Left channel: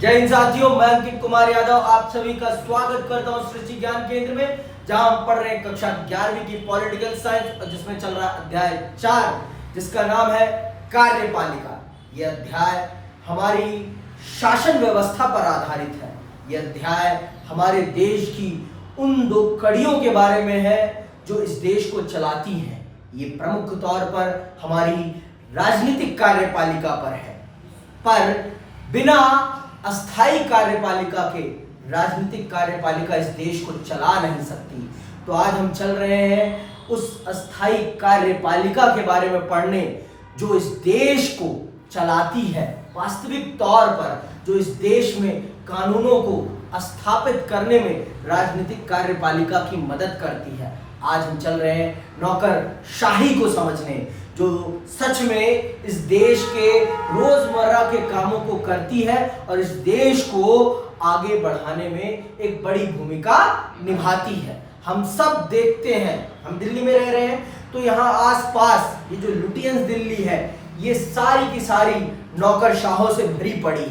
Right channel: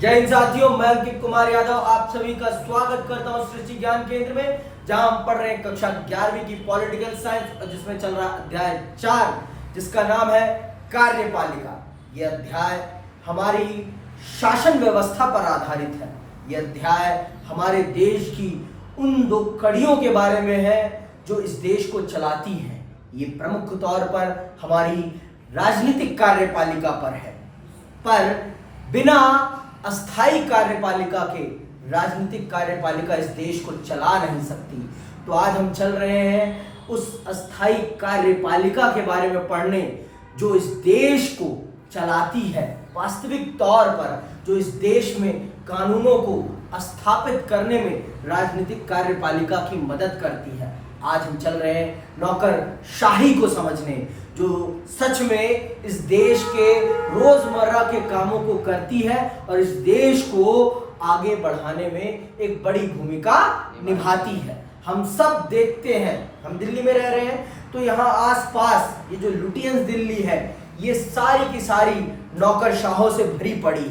जय हिंद साथियों, मैं अंकित कुमार यादव आप सभी का स्वागत करता हूं सृष्टि ज्ञान केंद्र में, जहां हम पढ़ रहे हैं कक्षा 11वीं की पॉलिटिकल साइंस, और जिसमें चल रहा अध्याय 4 जिसका नाम है कार्यपालिका। यह अध्याय हमारी शासन व्यवस्था पर आधारित है। यह अध्याय हमारे देश की उन दो कड़ियों के बारे में है जो इस देश को चलाती हैं। ये प्रमुख तौर पर हमारी राजनीतिक कार्यपालिका पर है, पर बिना अस्थाई कार्यपालिका के राजनीतिक कार्यपालिका इस देश को चला नहीं सकती। तो आज हम चल रहे हैं उस अस्थाई कार्यपालिका के बारे में पढ़ने जो इस देश को चलाती है, वास्तविक तौर पर जो इस देश में कानूनों को स्थापित करने में राजनीतिक कार्यपालिका की मदद करती है। आज हम चल रहे हैं नौकरशाही को समझने, जो सच में इस देश के रोजमर्रा के कामों को करती है और इस देश को आगे बढ़ाने में एक बड़ी भूमिका निभाती है। हम सब देखते हैं, हम दिल्ली में रह रहे हैं तो यहाँ आसपास ये जो लुटियंस दिल्ली है, ये सारी की सारी नौकरशाहों से भरी पड़ी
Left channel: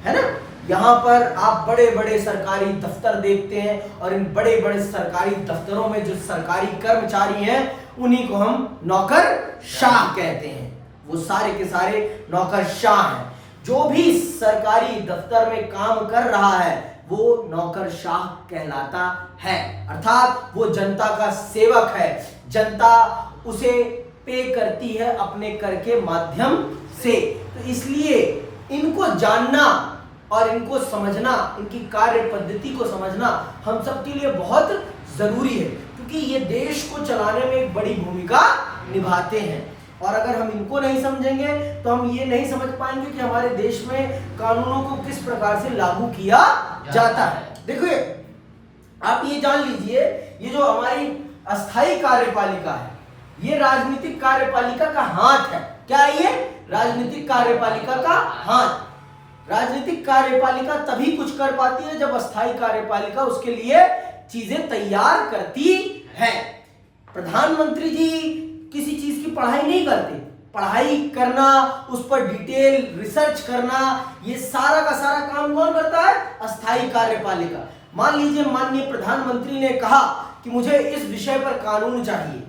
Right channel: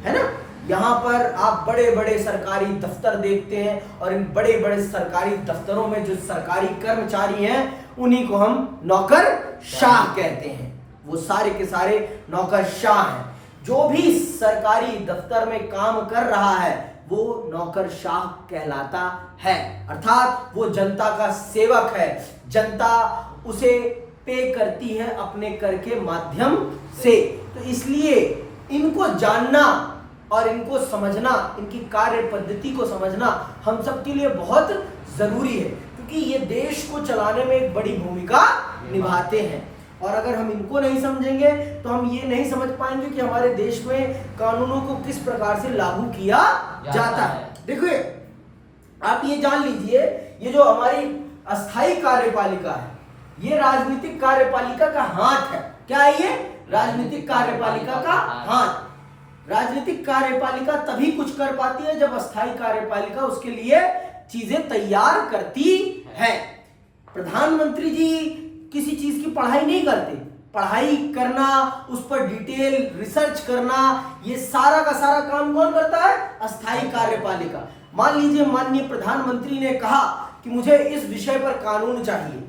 है ना। यहाँ पर आप बड़े बड़े सरकारी दफ्तर देखते हैं और इन बड़े बड़े सरकारी दफ्तरों में जो सरकारी कर्मचारी हैं उन्हीं को हम नौकरशाह कहते हैं। वो सारे के सारे नौकरशाह हैं। जो भी सरकारी दफ्तर में काम कर रहा है वो नौकरशाह कहलाता है, अर्थात वो जनता का सेवक है। जनता उसे पे करती है अपने कर के माध्यम से। तो इसलिए इनको जानना और इनको समझना, इनकी कार्य पद्धति को समझना हम सबके लिए बहुत जरूरी है, क्योंकि ये देश को चलाने में एक बड़ी भूमिका निभाते हैं। और अगर हम इनको नहीं समझेंगे तो हम ये नहीं समझ पाएंगे कि हमारे देश में कानूनों को किस प्रकार से लागू किया जाता है। देखिए, आप ये जान लीजिए, ये जो हमारी अस्थाई कार्यपालिका है ये राजनीतिक कार्यपालिका का हाथ है। क्या है ये? राजनीतिक कार्यपालिका का हाथ। राजनीतिक कार्यपालिका तभी कुछ कर पाती है जब अस्थाई कार्यपालिका उसके लिए चीजें तैयार करती है। प्रधानमंत्री जी किसी चीज की पढ़ाई नहीं करते। पढ़ाई करना, उस पर डिटेल रिसर्च करना, ये सारा का सारा काम कौन करता है? अस्थाई कार्यपालिका। मान लीजिए माननीय प्रधानमंत्री ने कहा कि मुझे इस विषय पर कानून चाहिए,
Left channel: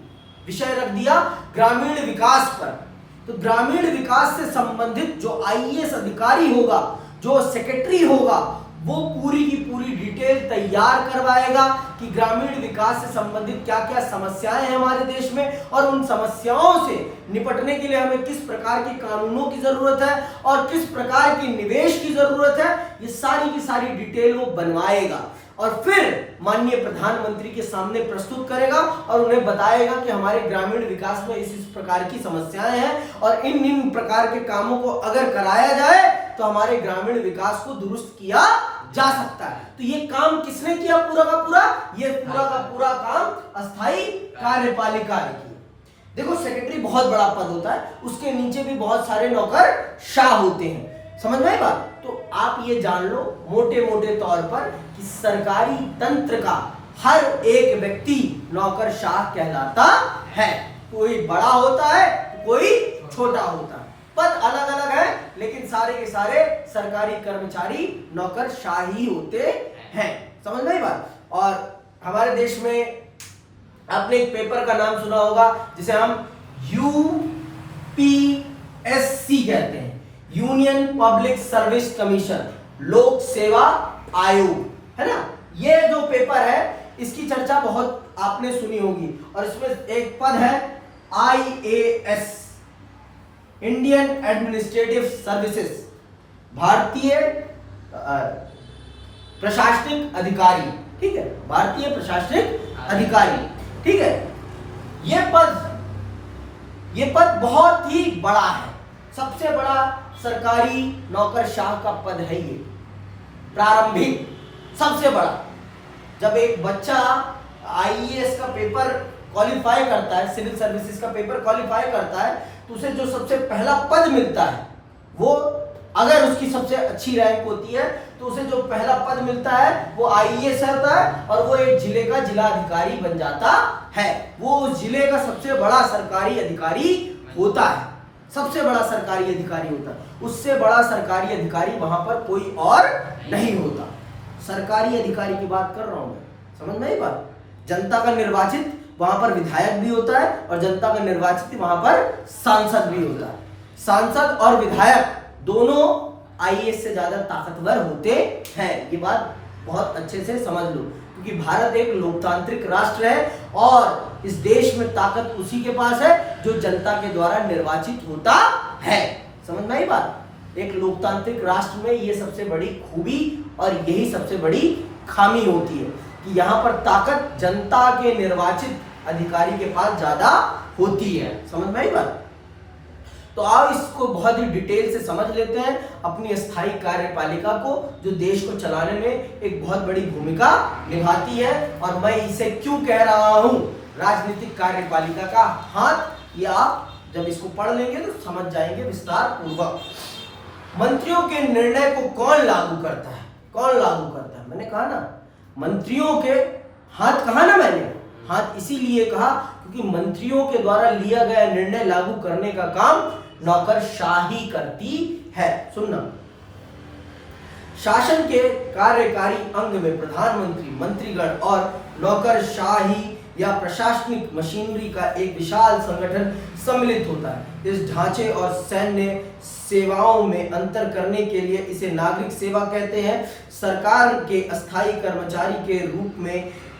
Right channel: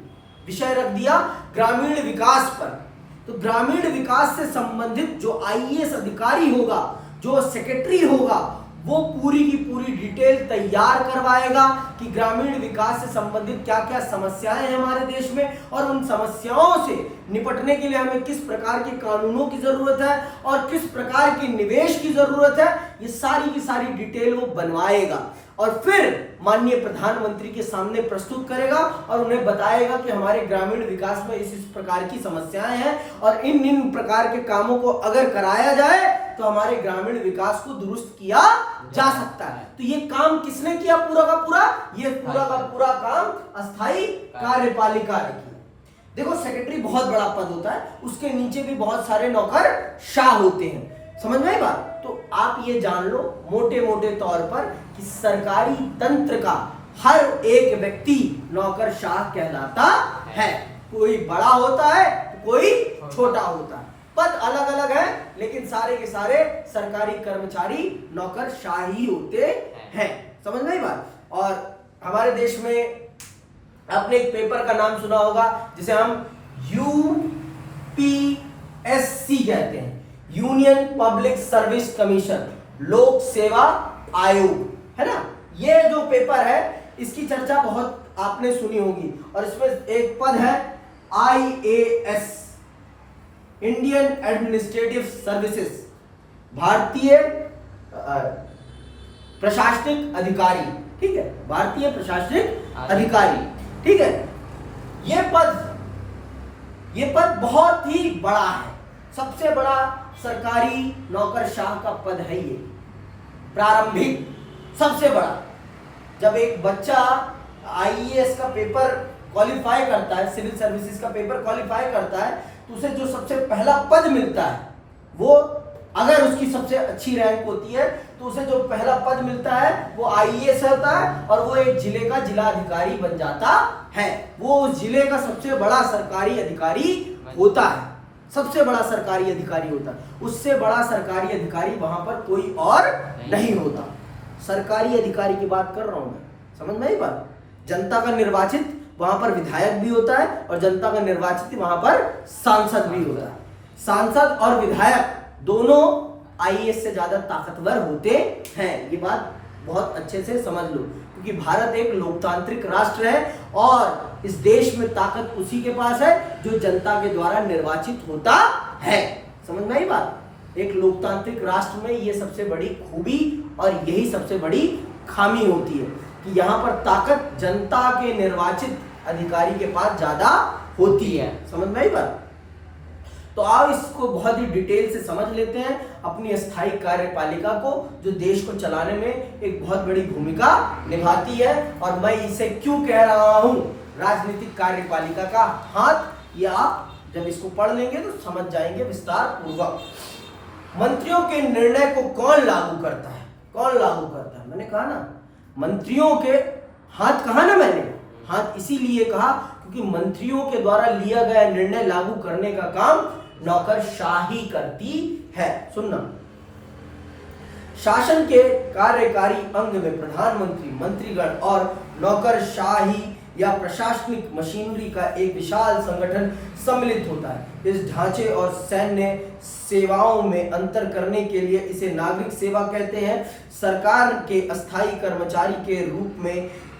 विषय रख दिया ग्रामीण विकास पर। तो ग्रामीण विकास से संबंधित जो आईएएस अधिकारी होगा, जो सेक्रेटरी होगा, वो पूरी की पूरी डिटेल तैयार करवाएगा कि ग्रामीण विकास से संबंधित क्या क्या समस्याएं हैं हमारे देश में, और उन समस्याओं से निपटने के लिए हमें किस प्रकार के कानूनों की जरूरत है और किस प्रकार की निवेश की जरूरत है। ये सारी की सारी डिटेल वो बनवाएगा और फिर माननीय प्रधानमंत्री के सामने प्रस्तुत करेगा और उन्हें बताएगा कि हमारे ग्रामीण विकास में इस प्रकार की समस्याएं हैं और इन प्रकार के कामों को अगर कराया जाए तो हमारे ग्रामीण विकास को दुरुस्त किया जा सकता है। तो ये काम किसने किया? पूरा का पूरा, ये पूरा का पूरा काम अस्थाई कार्यपालिका ने किया। देखो, सेक्रेटरी बहुत बड़ा पद होता है, उसके नीचे भी बहुत सारे नौकरशाह होते हैं। समझ में आई बात? तो आप ये जान लो मोटे मोटे तौर पर कि सरकारी तंत्र का हर एक व्यक्ति नौकरशाह कहलाता है। कोई बड़ा होता है तो कोई छोटा होता है, पद अलग अलग है, लेकिन सारे के सारे सरकारी कर्मचारी नौकरशाही होते हैं। समझ में आई बात? और हमारे देश में आपने एक पेपर का नाम सुना होगा जिसे हम यूपीएससी कहते हैं, यूनियन पब्लिक सर्विस कमीशन, लोक सेवा आयोग, है ना। ये जो पेपर है इसकी चर्चा बहुत आपने सुनी होगी, और इसमें एक पद है आईएएस, इंडियन एडमिनिस्ट्रेटिव सर्विसेज, भारतीय प्रशासनिक अधिकारी। ठीक है, भारतीय प्रशासनिक अधिकारी। ठीक है, ये पद बहुत ही बड़ा है, सबसे बड़ा सरकारी नौकरशाह का पद है ये, प्रारंभिक सबसे बड़ा। जब एक बच्चा आईएएस का पेपर क्वालिफाई करता है, सिविल सर्विसेज का पेपर क्वालिफाई करता है, तो उसे जो सबसे पहला पद मिलता है, वो अगर उसकी सबसे अच्छी रैंक होती है तो उसे जो पहला पद मिलता है वो आईएएस होता है, और वो एक जिले का जिलाधिकारी बन जाता है। वो उस जिले का सबसे बड़ा सरकारी अधिकारी होता है। सबसे बड़ा सरकारी अधिकारी होता है, उससे बड़ा सरकारी अधिकारी वहां पर कोई और नहीं होता। सरकारी अधिकारी की बात कर रहा हूं मैं, समझ में आई बात। जनता का निर्वाचित वहां पर विधायक भी होता है और जनता का निर्वाचित वहां पर सांसद भी होता है। सांसद और विधायक दोनों आईएएस से ज्यादा ताकतवर होते हैं, ये बात बहुत अच्छे से समझ लो, क्योंकि भारत एक लोकतांत्रिक राष्ट्र है और इस देश में ताकत उसी के पास है जो जनता के द्वारा निर्वाचित होता है। समझ में आई बात। एक लोकतांत्रिक राष्ट्र में ये सबसे बड़ी खूबी और यही सबसे बड़ी खामी होती है कि यहाँ पर ताकत जनता के निर्वाचित अधिकारी के पास ज्यादा होती है। समझ में आई बात। तो आओ इसको बहुत ही डिटेल से समझ लेते हैं, अपनी अस्थायी कार्यपालिका को, जो देश को चलाने में एक बहुत बड़ी भूमिका निभाती है। और मैं इसे क्यों कह रहा हूं राजनीतिक कार्यपालिका का हाथ, ये आप जब इसको पढ़ लेंगे तो समझ जाएंगे विस्तार पूर्वक। मंत्रियों के निर्णय को कौन लागू करता है? कौन लागू करता है? मैंने कहा ना, मंत्रियों के हाथ कहा ना मैंने, हाथ इसीलिए कहा क्योंकि मंत्रियों के द्वारा लिया गया निर्णय लागू करने का काम नौकरशाही करती है। सुनना, शासन के कार्यकारी अंग में प्रधानमंत्री, मंत्रीगण और नौकरशाही या प्रशासनिक मशीनरी का एक विशाल संगठन सम्मिलित होता है। इस ढांचे और सैन्य सेवाओं में अंतर करने के लिए इसे नागरिक सेवा कहते हैं। सरकार के अस्थायी कर्मचारी के रूप में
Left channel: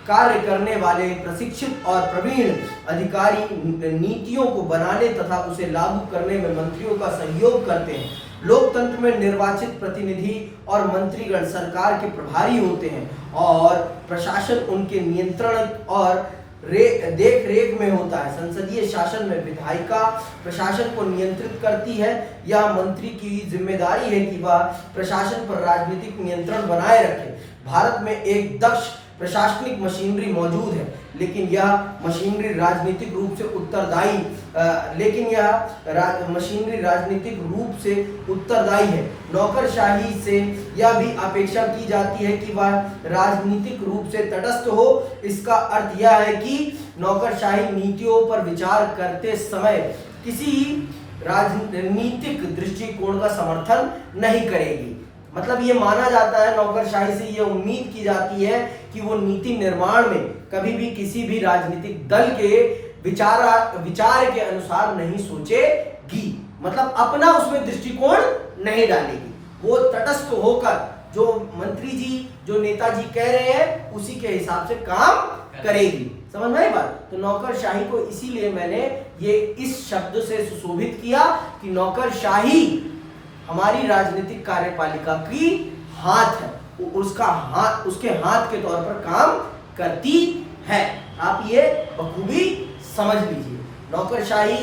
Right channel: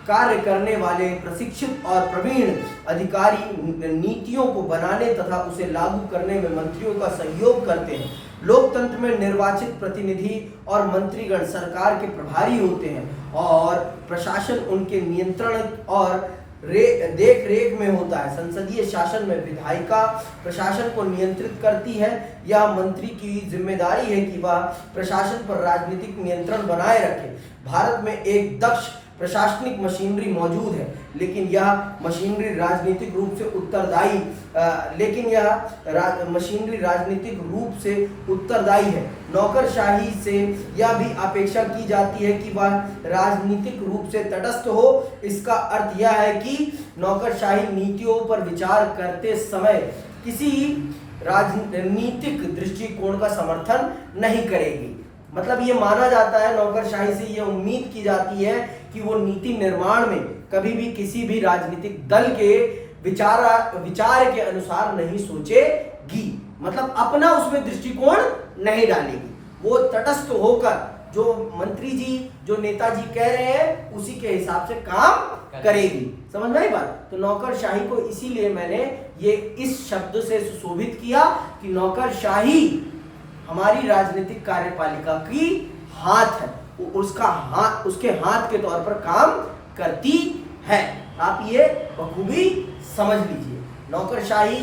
कार्य करने वाले प्रशिक्षित और प्रवीण अधिकारी नीतियों को बनाने तथा उसे लागू करने में मंत्रियों का सहयोग करते हैं। लोकतंत्र में निर्वाचित प्रतिनिधि और मंत्रीगण सरकार के प्रभारी होते हैं और प्रशासन उनके नियंत्रण और देख रेख में होता है। संसदीय शासन में विधायिका प्रशासन को नियंत्रित करती है। यह मंत्री की जिम्मेदारी है कि वह प्रशासन पर राजनीतिक नियंत्रण बनाए रखे। भारत में एक दक्ष प्रशासनिक मशीनरी मौजूद है, लेकिन यह मशीनरी राजनीतिक रूप से उत्तरदायी है। नौकरशाही से यह भी अपेक्षा की जाती है कि वह राजनीतिक रूप से तटस्थ हो। इसका अर्थ यह है कि नौकरशाही नीतियों पर विचार करते समय किसी राजनीतिक दृष्टिकोण का समर्थन नहीं करेगी। मतलब ये माना जाता है, नौकरशाही से ये उम्मीद की जाती है कि वो नीति निर्माण में कभी भी किसी भी राजनीतिक दल के विचार के अनुसार नहीं सोचेगी। मतलब अपना उसमें दृष्टिकोण नहीं डालेगी। वो तटस्थ होकर जो मंत्री जी, जो नेताजी कह रहे हैं, उसी के हिसाब से काम करेगी। समझ में आई बात। तो नौकरशाही को इसीलिए मैंने ये इस शब्द से सुशोभित किया कि नौकरशाही हमारी राजनीतिक कार्यपालिका की हाथ है, उसके हाथ के तौर पर काम करती है। आप ये बखूबी समझ लीजिए। नौकरशाही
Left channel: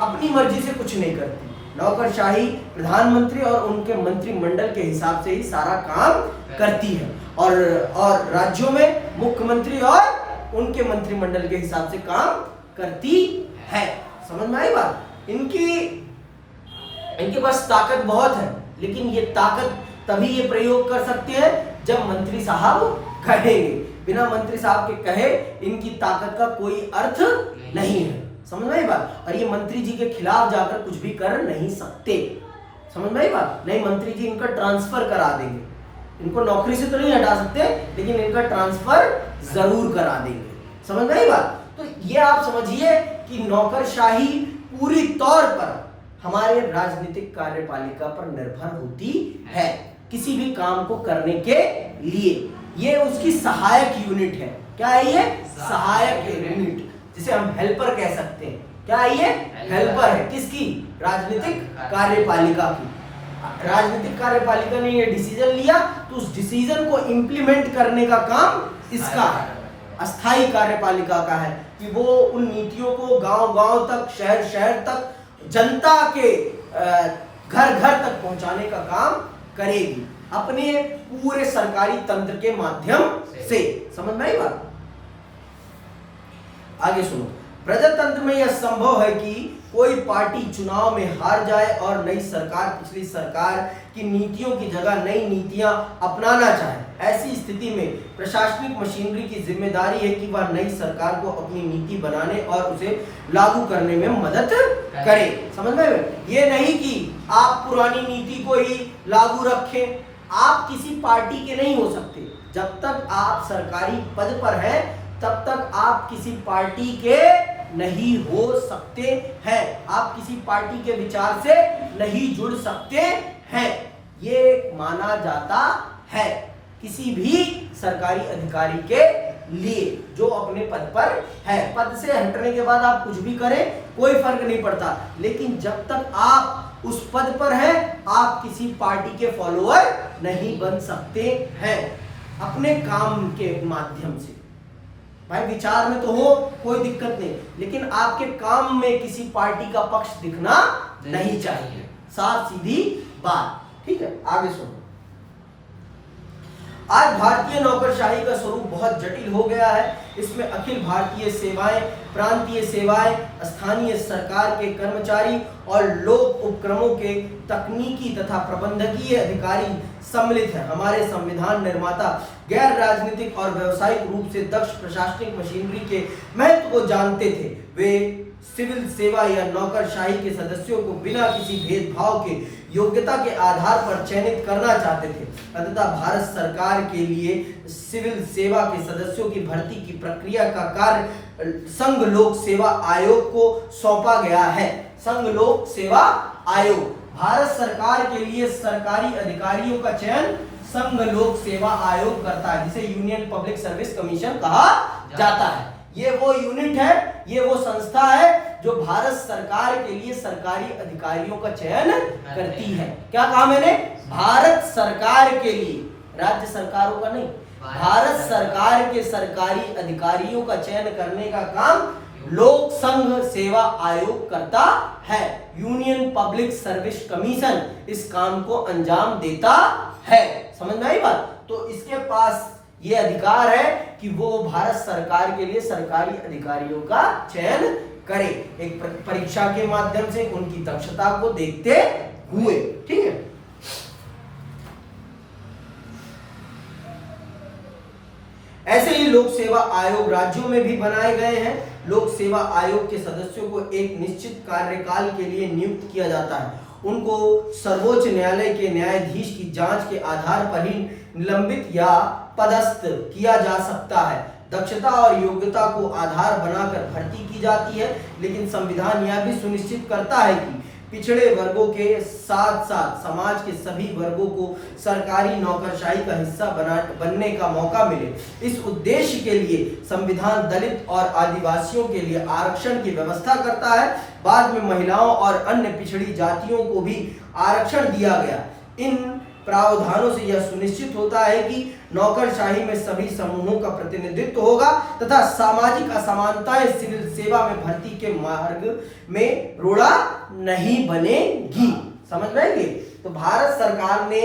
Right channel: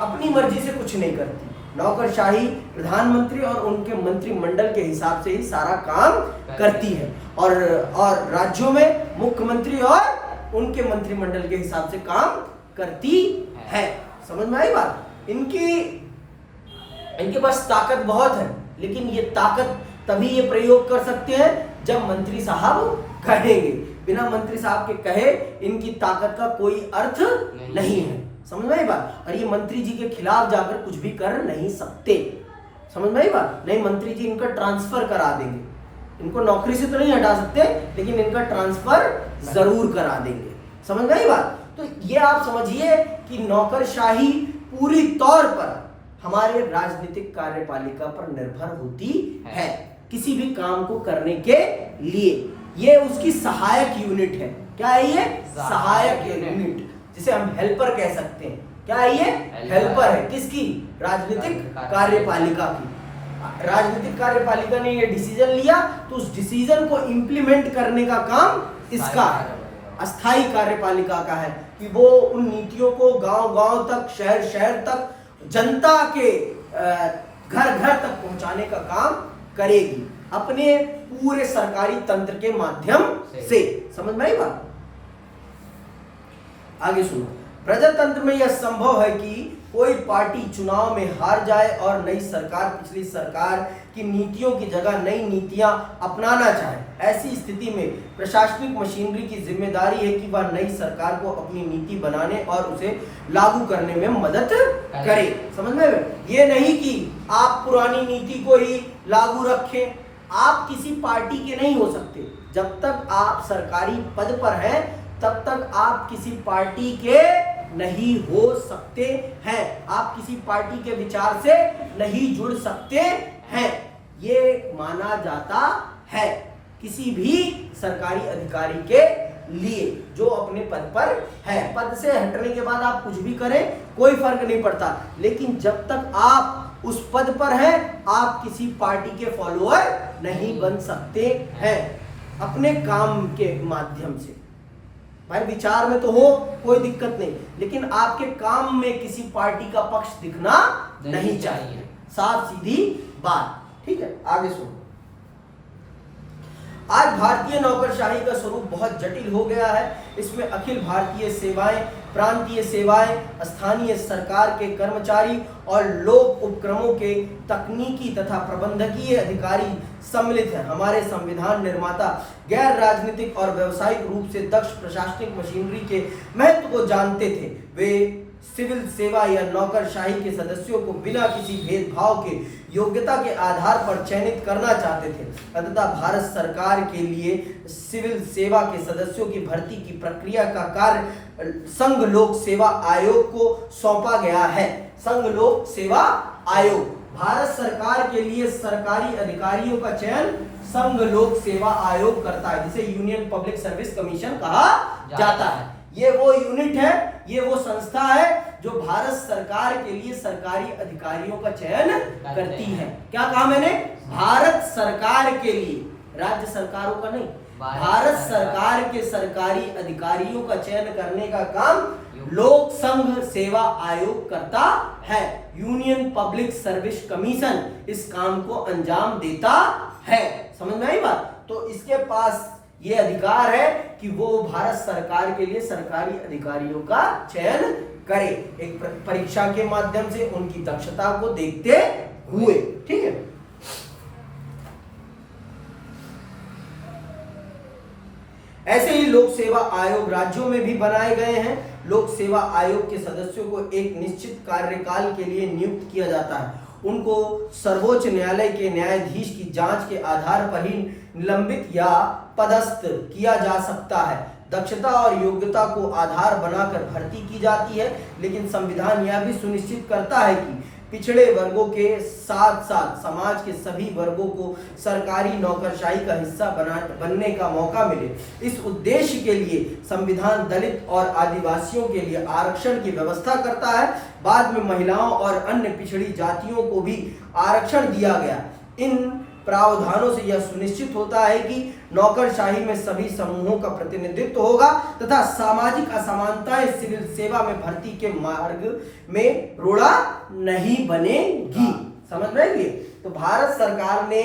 अपनी मर्जी से कुछ नहीं करती। नौकरशाही प्रधानमंत्री और उनके मंत्रिमंडल के हिसाब से ही सारा काम करती है और राज्यों में मुख्यमंत्री और उनके मंत्रिमंडल के हिसाब से काम करती है। समझ में आई बात। इनके पास ताकत बहुत है, लेकिन ये ताकत तभी ये प्रयोग कर सकते हैं जब मंत्री साहब कहेंगे। बिना मंत्री साहब के कहे इनकी ताकत का कोई अर्थ नहीं है। समझ में आई बात। और ये मंत्री जी के खिलाफ जाकर कुछ भी कर नहीं सकते। समझ में आई बात। नहीं, मंत्री जी इनका ट्रांसफर करा देंगे। इनको नौकरी से तो नहीं हटा सकते, लेकिन इनका ट्रांसफर जरूर करा देंगे। समझ में आई बात। तो ये आप समझिए कि नौकरशाही पूरी तौर पर हमारे राजनीतिक कार्यपालिका पर निर्भर होती है किसी भी काम को करने के लिए। ये उसकी सहायक यूनिट है। क्या है ये? सहायक यूनिट, जिसे हम हेल्पर कह सकते हैं। क्या है ये? हेल्पर है। किसकी? राजनीतिक कार्यपालिका की। राजनीतिक कार्यपालिका ने ये डिसीजन लिया तो उस डिसीजन को इंप्लीमेंट करने का काम इसका है, अस्थायी कार्यपालिका का है कि वो उन नीतियों को गांव-गांव तक, शहर-शहर तक, जनता के घर-घर तक पहुंचाने का काम करेगी अपने पूरे सरकारी तंत्र के माध्यम से। समझ में आई बात। आगे सुनो। प्रजातंत्र में यह संभव है कि कोई पार्टी चुनाव में हार जाए और नई सरकार पिछली सरकार की नीतियों की जगह नई नीतियां अपनाना चाहे, ऐसी स्थिति में प्रशासनिक मशीनरी की जिम्मेदारी है कि वह नई सरकार को अपनी नीति बनाने और उसे लागू करने में मदद करे। समझ में आया? ये नहीं कि आप पुरानी नीति को ही लागू रखें। आप किसी पार्टी के नहीं हो सकते। जब तक आप सरकारी पद पर हैं तब तक आप किसी पार्टी के नहीं हो सकते हैं। आप किसी पार्टी के विचार से नहीं जुड़ सकते हैं, ये माना जाता है किसी भी सरकारी अधिकारी के लिए जो अपने पद पर है। पद से हटने के बाद आप कुछ भी करें कोई फर्क नहीं पड़ता, लेकिन जब तक आप उस पद पर हैं आप किसी पार्टी के फॉलोअर नहीं बन सकते हैं अपने काम के माध्यम से। भाई विचार में तो हो कोई दिक्कत नहीं, लेकिन आपके काम में किसी पार्टी का पक्ष दिखना नहीं चाहिए। साफ सीधी बात, ठीक है। आगे सुनो। आज भारतीय नौकरशाही का स्वरूप बहुत जटिल हो गया है। इसमें अखिल भारतीय सेवाएं, प्रांतीय सेवाएं, स्थानीय सरकार के कर्मचारी और लोक उपक्रमों के तकनीकी तथा प्रबंधकीय अधिकारी सम्मिलित हैं। हमारे संविधान निर्माता गैर राजनीतिक और व्यावसायिक रूप से दक्ष प्रशासनिक मशीनरी के महत्व को जानते थे। वे सिविल सेवा या नौकरशाही के सदस्यों को बिना किसी भेदभाव के योग्यता के आधार पर चयनित करना चाहते थे। अतः भारत सरकार के लिए सिविल सेवा के सदस्यों की भर्ती की प्रक्रिया का कार्य संघ लोक सेवा आयोग को सौंपा गया है। संघ लोक सेवा आयोग भारत सरकार के लिए सरकारी अधिकारियों का चयन संघ लोक सेवा आयोग करता है, जिसे यूनियन पब्लिक सर्विस कमीशन कहा जाता है। ये वो यूनिट है, ये वो संस्था है जो भारत सरकार के लिए सरकारी अधिकारियों का चयन करती है। क्या कहा मैंने? भारत सरकार के लिए, राज्य सरकारों का नहीं। भारत सरकार के सरकारी अधिकारियों का चयन करने का काम लोक संघ सेवा आयोग करता है। यूनियन पब्लिक सर्विस कमीशन इस काम को अंजाम देता है। समझ में आई बात? तो इसके पास ये अधिकार है कि वो भारत सरकार के लिए सरकारी अधिकारियों का चयन करे, एक परीक्षा के माध्यम से उनकी दक्षता को देखते हुए। ठीक है। ऐसे ही लोक सेवा आयोग राज्यों में भी बनाए गए हैं। लोक सेवा आयोग के सदस्यों को एक निश्चित कार्यकाल के लिए नियुक्त किया जाता है। उनको सर्वोच्च न्यायालय के न्यायाधीश की जांच के आधार पर ही निलंबित या पदस्थ किया जा सकता है। दक्षता और योग्यता को आधार बनाकर भर्ती की जाती है, लेकिन संविधान यह भी सुनिश्चित करता है कि पिछड़े वर्गों के साथ साथ समाज के सभी वर्गों को सरकारी नौकरशाही का हिस्सा बनने का मौका मिले। इस उद्देश्य के लिए संविधान दलित और आदिवासियों के लिए आरक्षण की व्यवस्था करता है। बाद में महिलाओं और अन्य पिछड़ी जातियों को भी आरक्षण दिया गया। इन प्रावधानों से यह सुनिश्चित होता है कि नौकरशाही में सभी समूहों का प्रतिनिधित्व होगा तथा सामाजिक असमानताएं सिविल सेवा में भर्ती के मार्ग में रोड़ा नहीं बनेगी। समझ में आएगी? तो भारत सरकार ने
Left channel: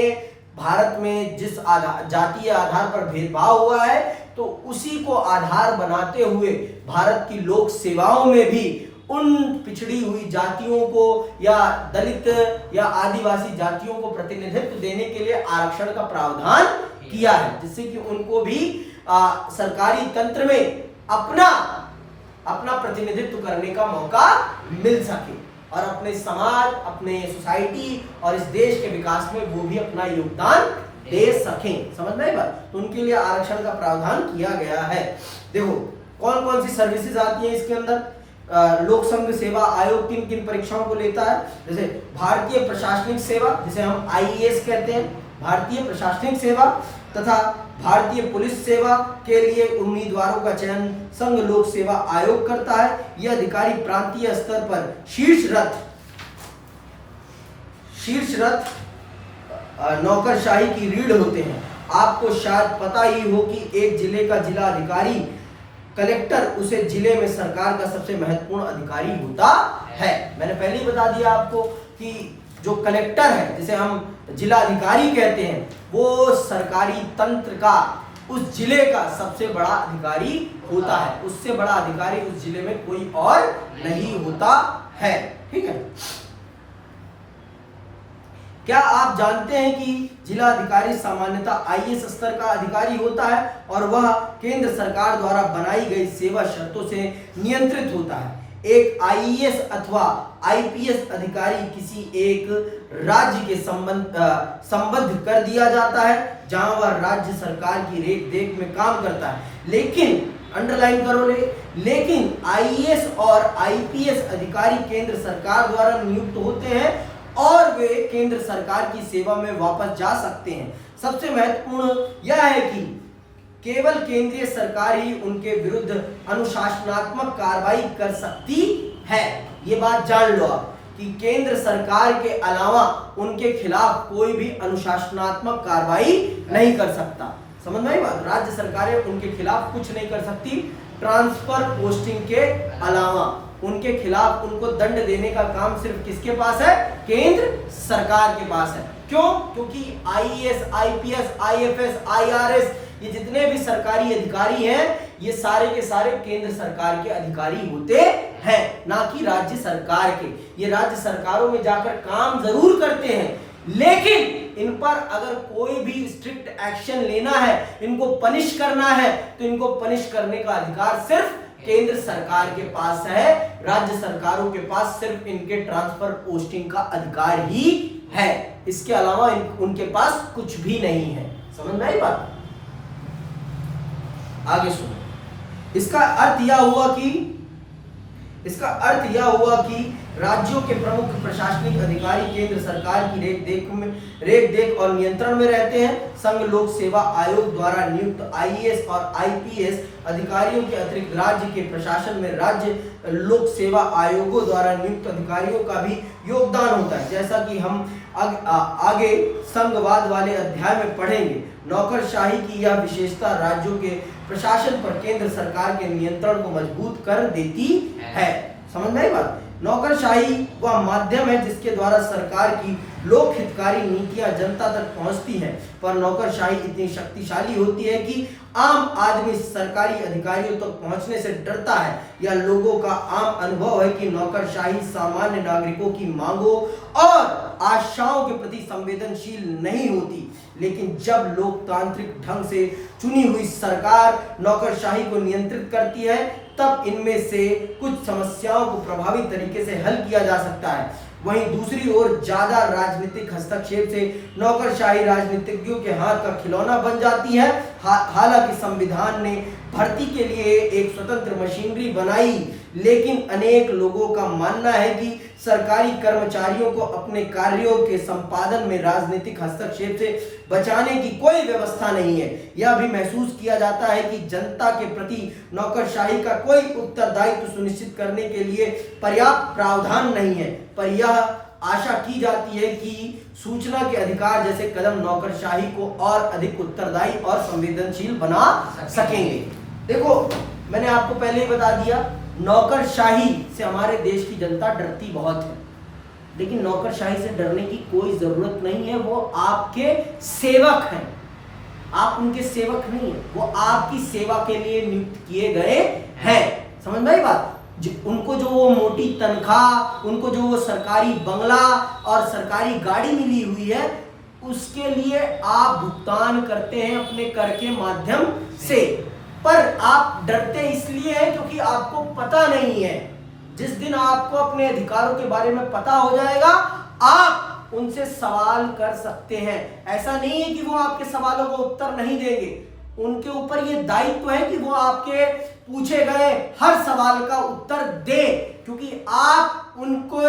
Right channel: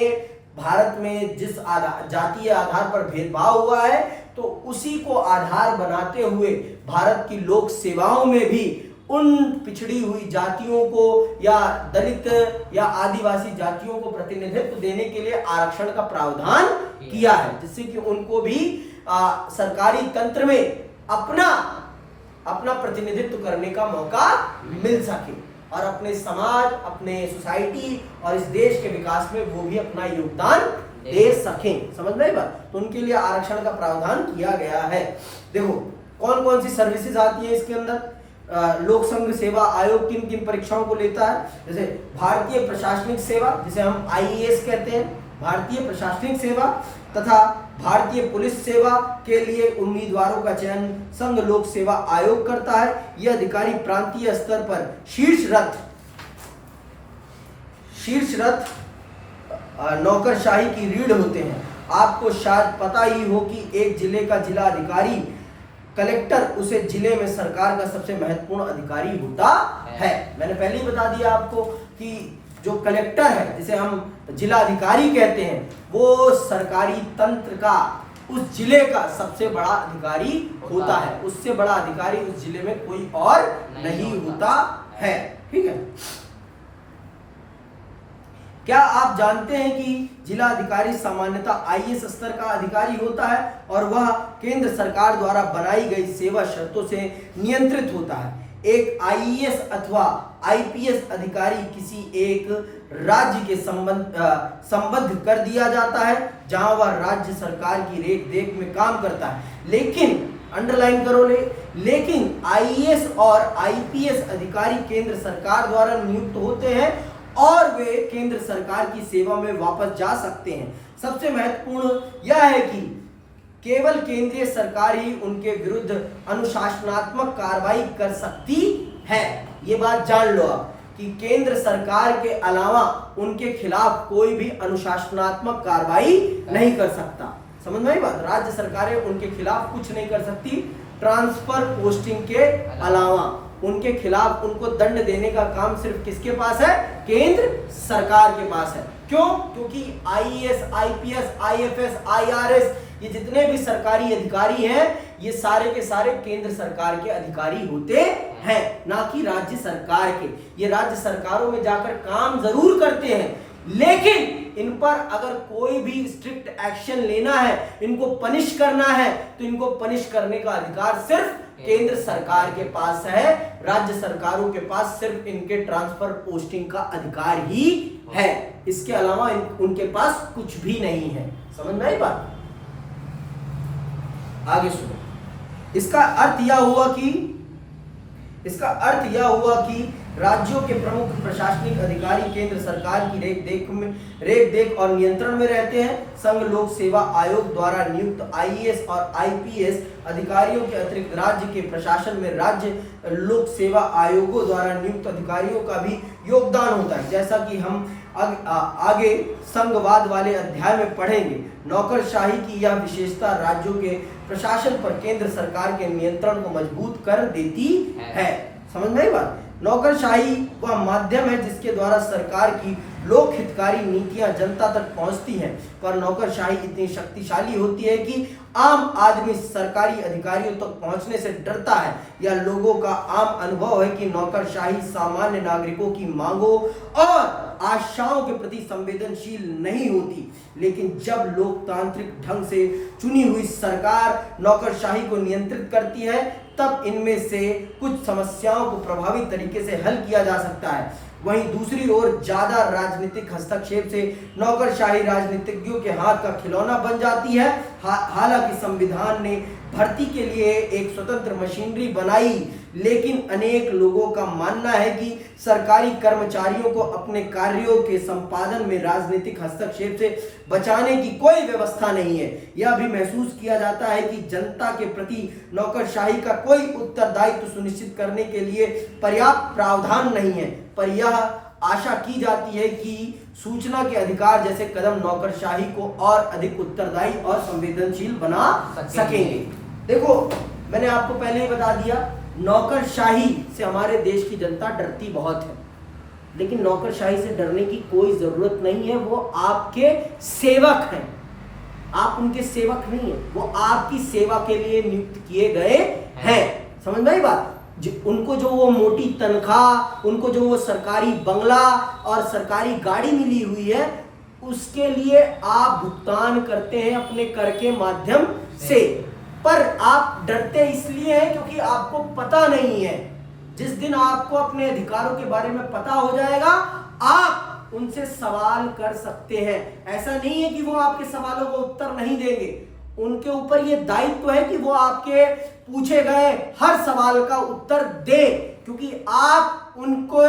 भारत में जिस जातीय आधार पर भेदभाव हुआ है तो उसी को आधार बनाते हुए भारत की लोक सेवाओं में भी उन पिछड़ी हुई जातियों को या दलित या आदिवासी जातियों को प्रतिनिधित्व देने के लिए आरक्षण का प्रावधान किया है, जिससे कि उनको भी सरकारी तंत्र में अपना प्रतिनिधित्व करने का मौका मिल सके और अपने समाज, अपने सोसाइटी और इस देश के विकास में वो भी अपना योगदान दे सकें। समझ में आई बात? तो उनके लिए आरक्षण का प्रावधान किया गया है। देखो कौन कौन सी सर्विसेज आती है इसके अंदर। लोक संघ सेवा आयोग किन किन परीक्षाओं को लेता है? जैसे भारतीय प्रशासनिक सेवा, जिसे हम आईएएस कहते हैं, भारतीय प्रशासनिक सेवा तथा भारतीय पुलिस सेवा के लिए उम्मीदवारों का चयन संघ लोक सेवा आयोग करता है। यह अधिकारी प्रांतीय स्तर पर शीर्षरत नौकरशाही की रीढ़ होते हैं। आपको शायद पता ही हो कि एक जिले का जिला अधिकारी कलेक्टर उसे जिले में सरकार का सबसे महत्वपूर्ण अधिकारी होता है। मैंने पहले ही बता दिया आपको कि जो कलेक्टर है, जिसे हम जिला अधिकारी कहते हैं, वो सरकारी तंत्र का उस जिले का सबसे बड़ा अधिकारी होता है। उससे बड़ा अधिकारी उस जिले में कोई और नहीं होता है। ठीक है, क्या आप जानते हैं कि जिला अधिकारी सामान्यतः आईएएस स्तर का अधिकारी होता है और वह केंद्र सरकार द्वारा बनाई गई सेवा शर्तों से नियंत्रित होता है। एक आईएएस अथवा आईपीएस अधिकारी किसी एक राज्य के संबद्ध कर दिया जाता है जहां वह राज्य सरकार की रेख देख में काम करता है। लेकिन अंडरलाइन करो लेकिन आईएएस और आईपीएस अधिकारी केंद्र सरकार द्वारा नियुक्त होते हैं और वे केंद्र सरकार की सेवा में वापस जा सकते हैं। सबसे महत्वपूर्ण यह है कि केवल केंद्रीय सरकार ही उनके विरुद्ध अनुशासनात्मक कार्रवाई कर सकती है। ये बात जान लो आप कि केंद्र सरकार के अलावा उनके खिलाफ कोई भी अनुशासनात्मक कार्रवाई नहीं कर सकता। समझ में आई बात? राज्य सरकारें उनके खिलाफ कुछ नहीं कर सकती ट्रांसफर पोस्टिंग के अलावा। उनके खिलाफ उनको दंड देने का काम सिर्फ किसके पास है? केंद्र सरकार के पास है। क्यों? क्योंकि आईएएस, आईपीएस, आईएफएस, आईआरएस ये जितने भी सरकारी अधिकारी हैं ये सारे के सारे केंद्र सरकार के अधिकारी होते हैं, ना कि राज्य सरकार के। ये राज्य सरकारों में जाकर काम जरूर करते हैं लेकिन इन पर अगर कोई भी स्ट्रिक्ट एक्शन लेना है, इनको पनिश करना है, तो इनको पनिश करने का अधिकार सिर्फ केंद्र सरकार के पास है। राज्य सरकारों के पास सिर्फ इनके ट्रांसफर पोस्टिंग का अधिकार ही है, इसके अलावा उनके पास कुछ भी नहीं है। समझ में आई बात? आगे सुनो। इसका अर्थ यह हुआ कि राज्यों के प्रमुख प्रशासनिक अधिकारी केंद्र सरकार की रेख देख और नियंत्रण में रहते हैं। संघ लोक सेवा आयोग द्वारा नियुक्त आईएएस और आईपीएस अधिकारियों के अतिरिक्त राज्य के प्रशासन में राज्य लोक सेवा आयोगों द्वारा नियुक्त अधिकारियों का भी योगदान होता है। जैसा कि हम आगे संघवाद वाले अध्याय में पढ़ेंगे, नौकरशाही की यह विशेषता राज्यों के प्रशासन पर केंद्र सरकार के नियंत्रण को मजबूत कर देती है। समझ में आई बात? नौकरशाही वह माध्यम है जिसके द्वारा सरकार की लोक हितकारी नीतियां जनता तक पहुंचती हैं, पर नौकरशाही इतनी शक्तिशाली होती है कि आम आदमी सरकारी अधिकारियों तक पहुंचने से डरता है। यह लोगों का आम अनुभव है कि नौकरशाही सामान्य नागरिकों की मांगों और आशाओं के प्रति संवेदनशील नहीं होती। लेकिन जब लोकतांत्रिक ढंग से चुनी हुई सरकार नौकरशाही को नियंत्रित करती है तब इनमें से कुछ समस्याओं को प्रभावी तरीके से हल किया जा सकता है। वहीं दूसरी ओर ज्यादा राजनीतिक हस्तक्षेप से नौकरशाही राजनीतिज्ञों के हाथ का खिलौना बन जाती है। हालांकि संविधान ने भर्ती के लिए एक स्वतंत्र मशीनरी बनाई, लेकिन अनेक लोगों का मानना है कि सरकारी कर्मचारियों को अपने कार्यों के संपादन में राजनीतिक हस्तक्षेप से बचाने की कोई व्यवस्था नहीं है। यह भी महसूस किया जाता है कि जनता के प्रति नौकरशाही का कोई उत्तरदायित्व सुनिश्चित करने के लिए पर्याप्त प्रावधान नहीं है, पर यह आशा की जाती है कि सूचना के अधिकार जैसे कदम नौकरशाही को और अधिक उत्तरदायी और संवेदनशील बना सकेंगे। देखो, मैंने आपको पहले ही बता दिया, नौकरशाही से हमारे देश की जनता डरती बहुत है, लेकिन नौकरशाही से डरने की कोई जरूरत नहीं है। वो आपके सेवक हैं, आप उनके सेवक नहीं हैं, वो आपकी सेवा के लिए नियुक्त किए गए हैं। समझ में आई बात? उनको जो वो मोटी तनख्वाह, उनको जो वो सरकारी बंगला और सरकारी गाड़ी मिली हुई है, उसके लिए आप भुगतान करते हैं अपने कर के माध्यम से, पर आप डरते इसलिए हैं क्योंकि आपको पता नहीं है। जिस दिन आपको अपने अधिकारों के बारे में पता हो जाएगा, आप उनसे सवाल कर सकते हैं। ऐसा नहीं है कि वो आपके सवालों को उत्तर नहीं देंगे, उनके ऊपर ये दायित्व है कि वो आपके पूछे गए हर सवाल का उत्तर दे, क्योंकि आप उनको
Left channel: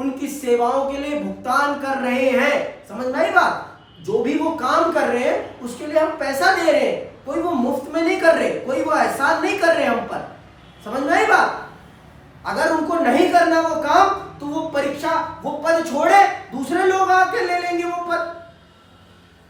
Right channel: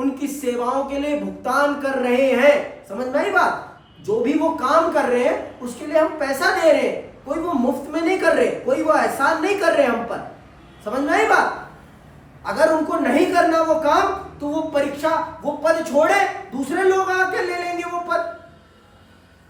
उनकी सेवाओं के लिए भुगतान कर रहे हैं। समझ में आई बात? जो भी वो काम कर रहे हैं उसके लिए हम पैसा दे रहे हैं, कोई वो मुफ्त में नहीं कर रहे, कोई वो एहसान नहीं कर रहे हम पर। समझ में आई बात? अगर उनको नहीं करना वो काम, तो वो परीक्षा, वो पद छोड़े, दूसरे लोग आके ले लेंगे वो पद।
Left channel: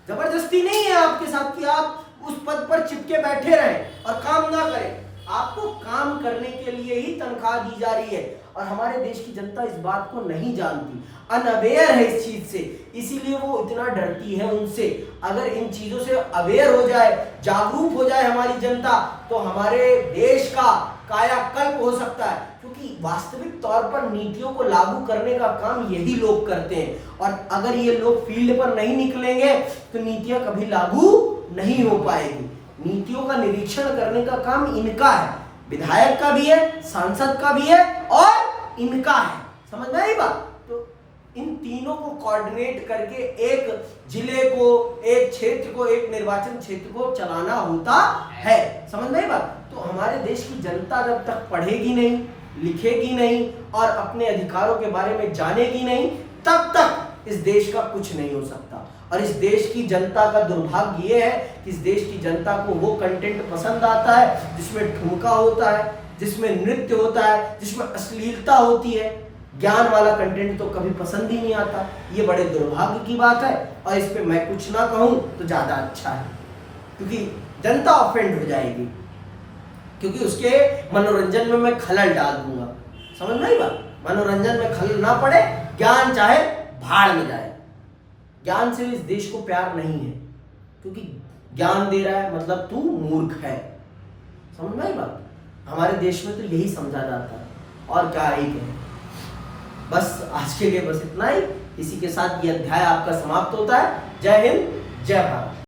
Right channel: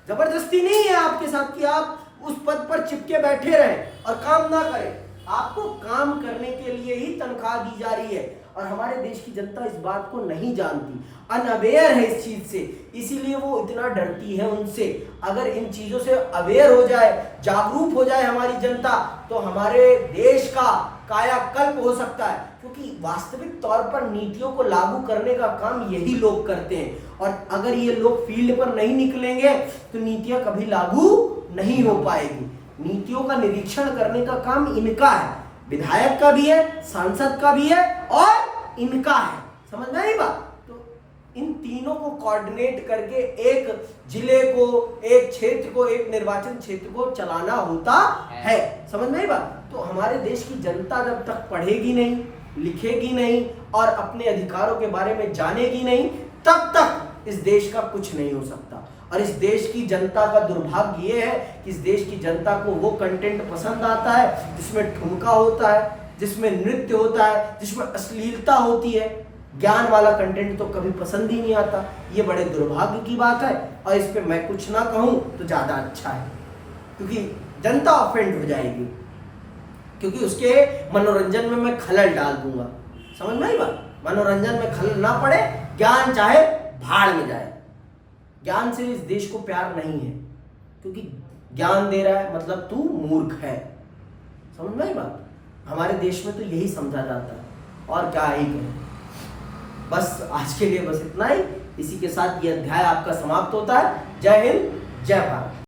जबरदस्ती नहीं है आपके साथ कि आप उस पद पर चिपके बैठे रहें और काम ना करें। आपको काम करने के लिए ही तनख्वाह दी जा रही है, और हमारे देश की जनता इस बात को नहीं जानती, अनअवेयर है इस चीज से, इसीलिए वो इतना डरती है उनसे। अगर इन चीजों से अवेयर हो जाए, जागरूक हो जाए हमारी जनता, तो हमारे देश का कायाकल्प हो सकता है, क्योंकि वास्तविक तौर पर नीतियों को लागू करने का काम यही लोग करते हैं। और अगर ये लोग फील्ड पर नहीं निकलेंगे तो नीतियां कभी लागू नहीं हो पाएगी। नीतियों का निरीक्षण करने का काम इनका है, विधायक का भी है, सांसद का भी है और इनका है। समझ में आई बात? तो इन तीनों को कोऑर्डिनेट करके एक जिले को, एक क्षेत्र को, एक निर्वाचन क्षेत्र को चलाना होता है। समझ में आई बात? तो हमारे देश की जनता जब तक पढ़ेगी नहीं, लिखेगी नहीं और अपने अधिकारों के बारे में जानेगी नहीं, तब तक इस देश का कुछ नहीं हो सकता। और इस देश की जनता का दुर्भाग्य ये है कि इस देश की जनता को वो कंटेंट पसंद आता है जिसमें ठुमका होता है, जिसमें नृत्य होता है, जिसमें अश्लीलता होती है। ज्ञान वाला कंटेंट तो कभी पसंद ही नहीं आता। ये बड़े दुर्भाग्य की बात है और इस पे मैं कुछ ना कहूं तो ज्यादा अच्छा है, क्योंकि जनता ऑफेंड हो जाएगी, क्योंकि उसके मनोरंजन में मैं खलल डाल दूंगा। समझ में आई बात? मनोरंजन में खलल ना पड़े, ज्ञान चाहे भाड़ में जाए। ज्ञान से इस देश को प्यार नहीं है, क्योंकि ज्ञान दे रहा है मतलब तू मूर्ख है। समझ में आई बात? हमारे देश में तो यही समझा जाता है, और क्या ही कहें। बस आज के लिए बस इतना ही। इसी के साथ ये अध्याय आपका समाप्त होता है। जय हिंद, जय भारत।